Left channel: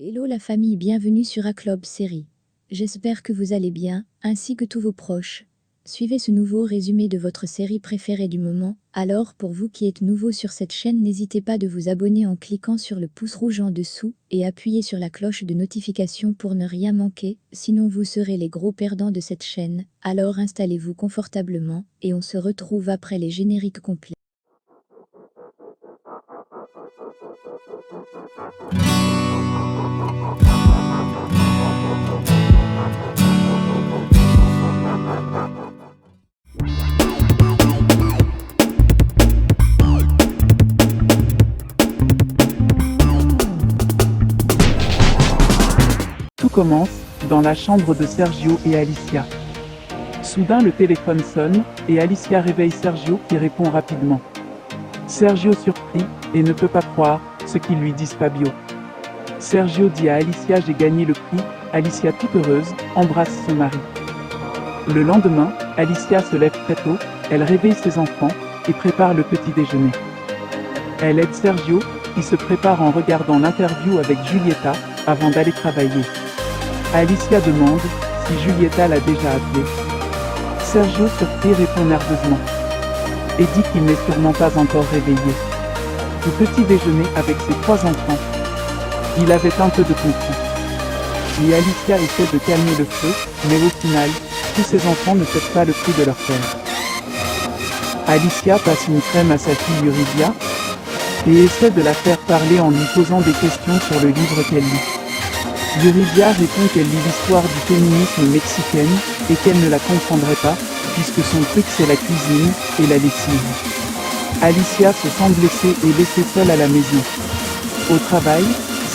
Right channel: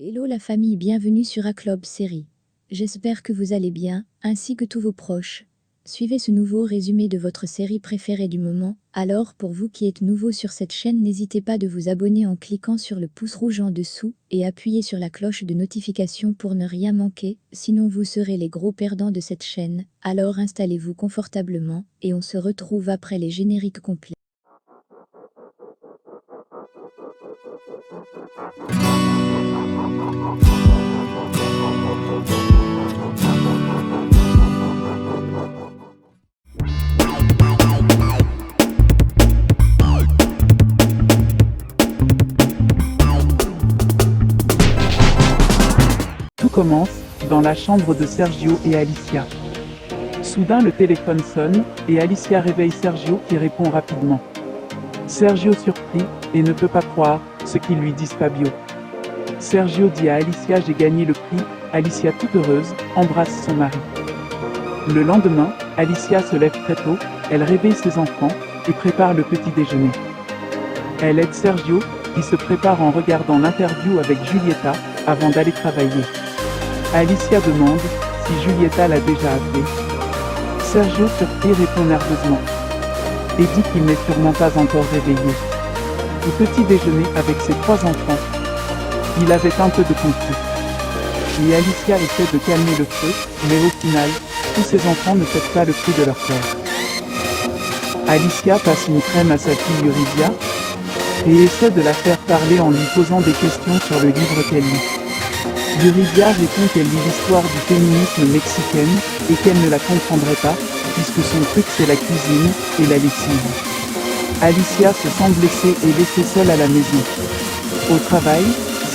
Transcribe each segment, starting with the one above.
Hello la famille, bienvenue sur A-Club Série. J'espère que vous allez bien, ainsi que tous vos proches. Suivez ce nouveau résumé de votre série préférée du moment. Alors, pour vous qui êtes nouveau sur cette chaîne, n'hésitez pas de vous abonner en cliquant sur le pouce rouge en dessous et appuyez sur la cloche de notification pour ne rien manquer, sinon vous serez les gros perdants de cette chaîne. Alors installez-vous confortablement et on se retrouve après les génériques complets. Tout commence dans la chambre de Sergio et Alicia. Soudain, le téléphone sonne et Alicia réveille Sergio qui répond rapidement. Sergio surpris et ne peut pas croire ce qu'ils lui disent Fabio. Sergio dit à Alicia: j'ai gagné le prix. Alicia, toute heureuse, embrasse son mari. Le lendemain, Alicia se lève très tôt, elle réveille ses enfants et prépare le petit déjeuner. Elle aide Sergio qui se prépare en regardant l'interview avec Giulietta avant d'aller travailler. Alicia demande si Giulietta l'a déjà appelé. Sergio surpris répond nerveusement et dit qu'il n'est sûrement pas encore réveillé. Au petit déjeuner avec ses 3 enfants, il avait un peu de conflit. Et Alicia essaie de calmer le feu, mais au final, tous ses enfants ne font pas le prix de leur père. Alicia passe une crème à sa fille Yuridia et essaie de la faire parler en lui posant des questions sur le livre qu'elle lit. Yuridia répond qu'elle lit l'histoire du féminisme mexicain et qu'elle ne la comprendrait pas, puisque son truc c'est la cuisine et la lessive. Alicia se sent blessée et laissée seule à la maison. Au travail,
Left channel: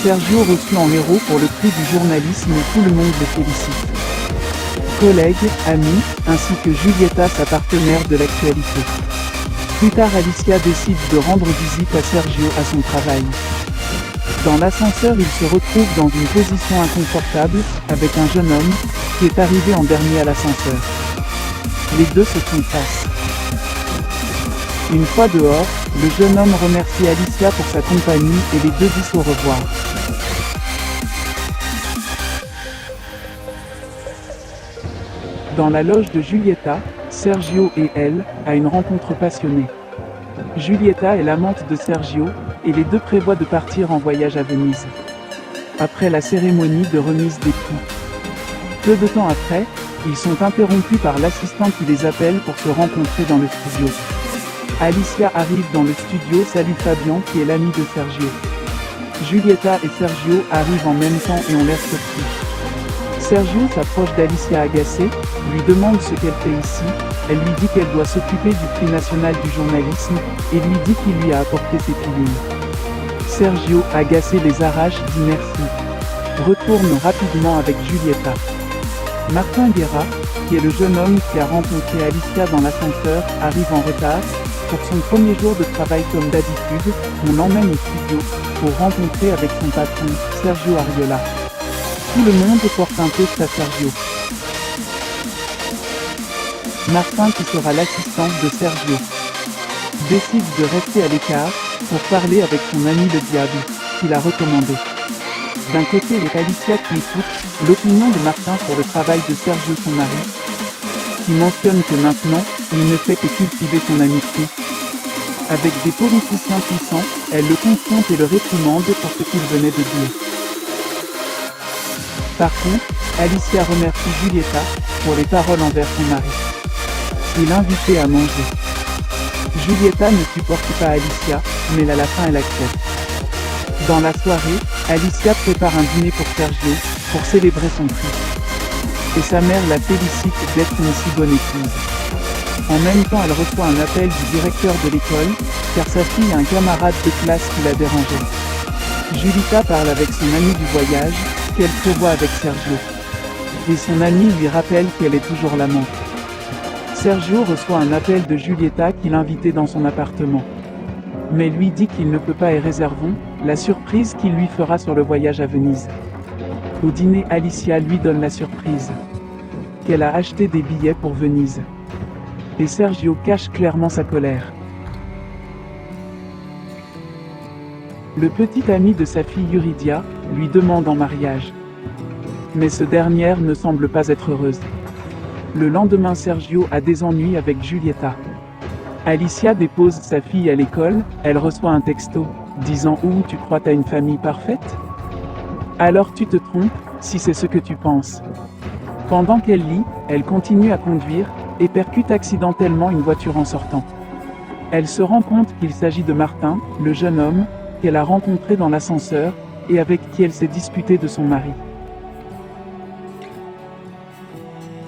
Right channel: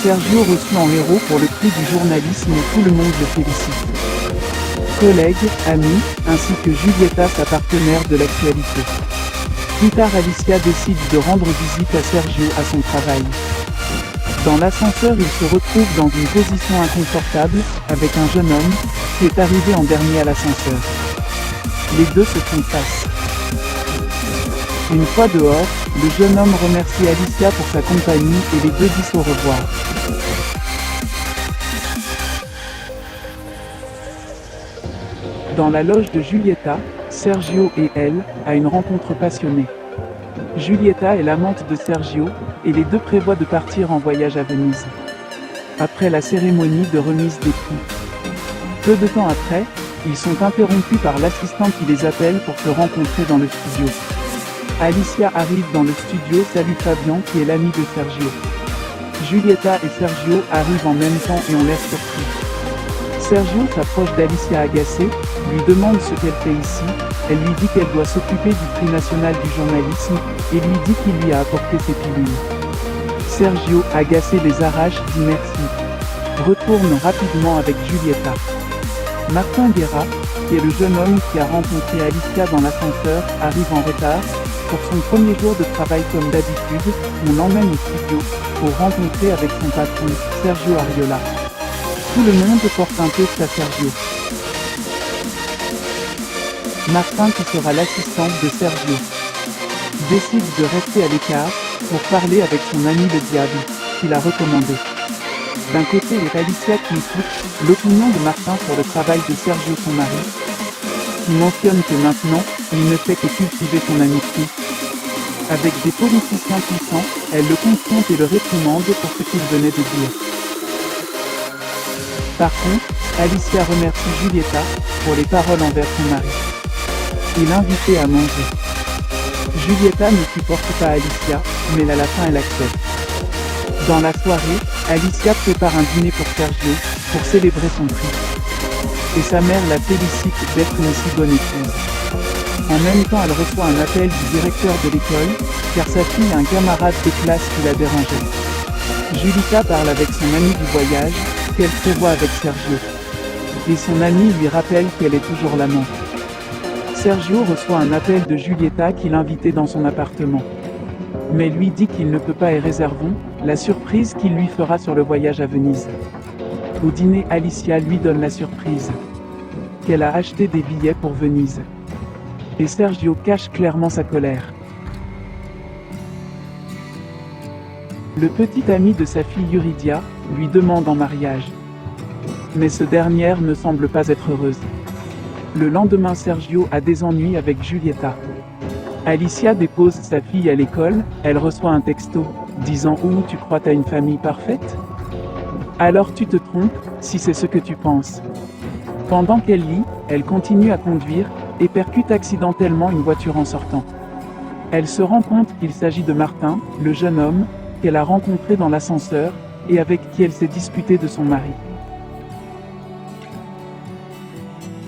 Sergio reçu en héros pour le prix du journalisme et tout le monde le félicite. Collègues, amis, ainsi que Giulietta, sa partenaire de l'actualité. Plus tard, Alicia décide de rendre visite à Sergio à son travail. Dans l'ascenseur, il se retrouve dans une position inconfortable avec un jeune homme qui est arrivé en dernier à l'ascenseur. Les deux se font face. Une fois dehors, le jeune homme remercie Alicia pour sa compagnie et les deux disent au revoir. Dans la loge de Giulietta, Sergio et elle a une rencontre passionnée. Giulietta est l'amante de Sergio et les deux prévoient de partir en voyage à Venise. Après la cérémonie de remise des prix. Peu de temps après, ils sont interrompus par l'assistant qui les appelle pour se rencontrer dans le studio. Alicia arrive dans le studio, salue Fabian qui est l'ami de Sergio. Giulietta et Sergio arrivent en même temps et on laisse le prix. Sergio s'approche d'Alicia agacée, lui demande ce qu'elle fait ici, elle lui dit qu'elle doit s'occuper du prix national du journalisme et lui dit qu'il lui a apporté ses pilules. Sergio, agacé, les arrache, dit merci. Retourne rapidement avec Giulietta. Martin Guerra, qui est le jeune homme qui a rencontré Alicia dans l'ascenseur, arrive en retard. Pour son premier jour de travail comme d'habitude, on l'emmène au studio pour rencontrer avec son patron, Sergio Arriola. Tout le monde porte un toast à Sergio. Martin, qui sera l'assistant de Sergio, décide de rester à l'écart pour parler avec son ami le diable, qui l'a recommandé. D'un côté, Alicia qui écoute l'opinion de Martin sur le travail de Sergio, son mari, qui mentionne que maintenant, il ne fait que cultiver son amitié. Avec des politiciens puissants, elle le confronte et le réprimande pour ce qu'il venait de dire. Par contre, Alicia remercie Giulietta pour les paroles envers son mari. Il l'invitait à manger. Giulietta ne supporte pas Alicia, mais à la fin elle accepte. Dans la soirée, Alicia prépare un dîner pour Sergio, pour célébrer son fils. Et sa mère la félicite d'être une si bonne épouse. En même temps, elle reçoit un appel du directeur de l'école, car sa fille a un camarade de classe qui l'a dérangé. Giulietta parle avec son ami du voyage, qu'elle prévoit avec Sergio. Et son ami lui rappelle qu'elle est toujours l'amant. Sergio reçoit un appel de Giulietta qui l'invitait dans son appartement. Mais lui dit qu'il ne peut pas y réserver la surprise qu'il lui fera sur le voyage à Venise. Au dîner, Alicia lui donne la surprise qu'elle a acheté des billets pour Venise. Et Sergio cache clairement sa colère. Le petit ami de sa fille Yuridia lui demande en mariage. Mais ce dernière ne semble pas être heureuse. Le lendemain, Sergio a des ennuis avec Giulietta. Alicia dépose sa fille à l'école, elle reçoit un texto disant « Tu crois t'as une famille parfaite ?» Alors tu te trompes, si c'est ce que tu penses. Pendant qu'elle lit, elle continue à conduire et percute accidentellement une voiture en sortant. Elle se rend compte qu'il s'agit de Martin, le jeune homme qu'elle a rencontré dans l'ascenseur et avec qui elle s'est disputée de son mari.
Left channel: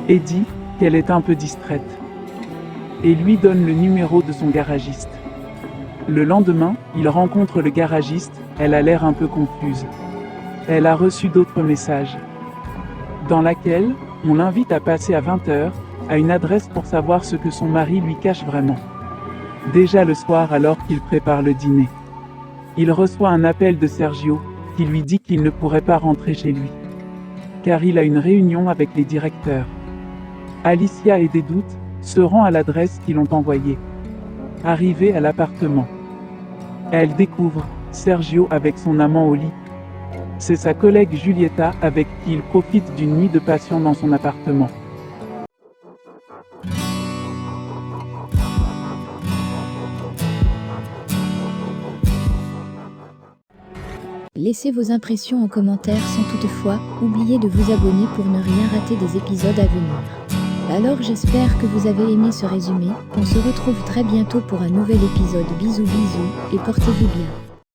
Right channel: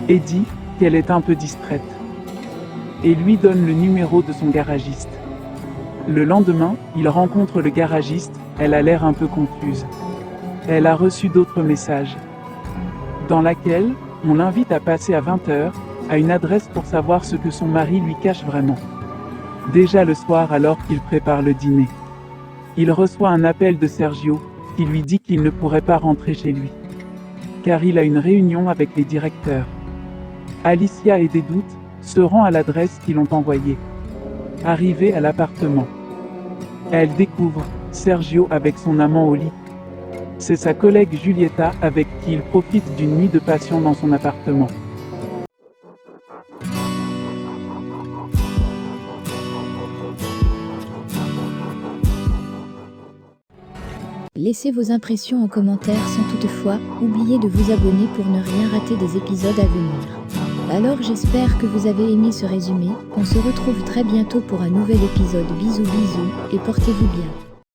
Et dit qu'elle est un peu distraite et lui donne le numéro de son garagiste. Le lendemain, il rencontre le garagiste, elle a l'air un peu confuse. Elle a reçu d'autres messages, dans laquelle on l'invite à passer à 20h à une adresse pour savoir ce que son mari lui cache vraiment. Déjà le soir, alors qu'il prépare le dîner, il reçoit un appel de Sergio qui lui dit qu'il ne pourrait pas rentrer chez lui, car il a une réunion avec les directeurs. Alicia et des doutes se rend à l'adresse qu'ils ont envoyée. Arrivée à l'appartement, elle découvre Sergio avec son amant au lit. C'est sa collègue Giulietta avec qui il profite d'une nuit de passion dans son appartement. Laissez vos impressions en commentaire sans toutefois oublier de vous abonner pour ne rien rater des épisodes à venir. Alors j'espère que vous avez aimé ce résumé, on se retrouve très bientôt pour un nouvel épisode. Bisous bisous et portez-vous bien.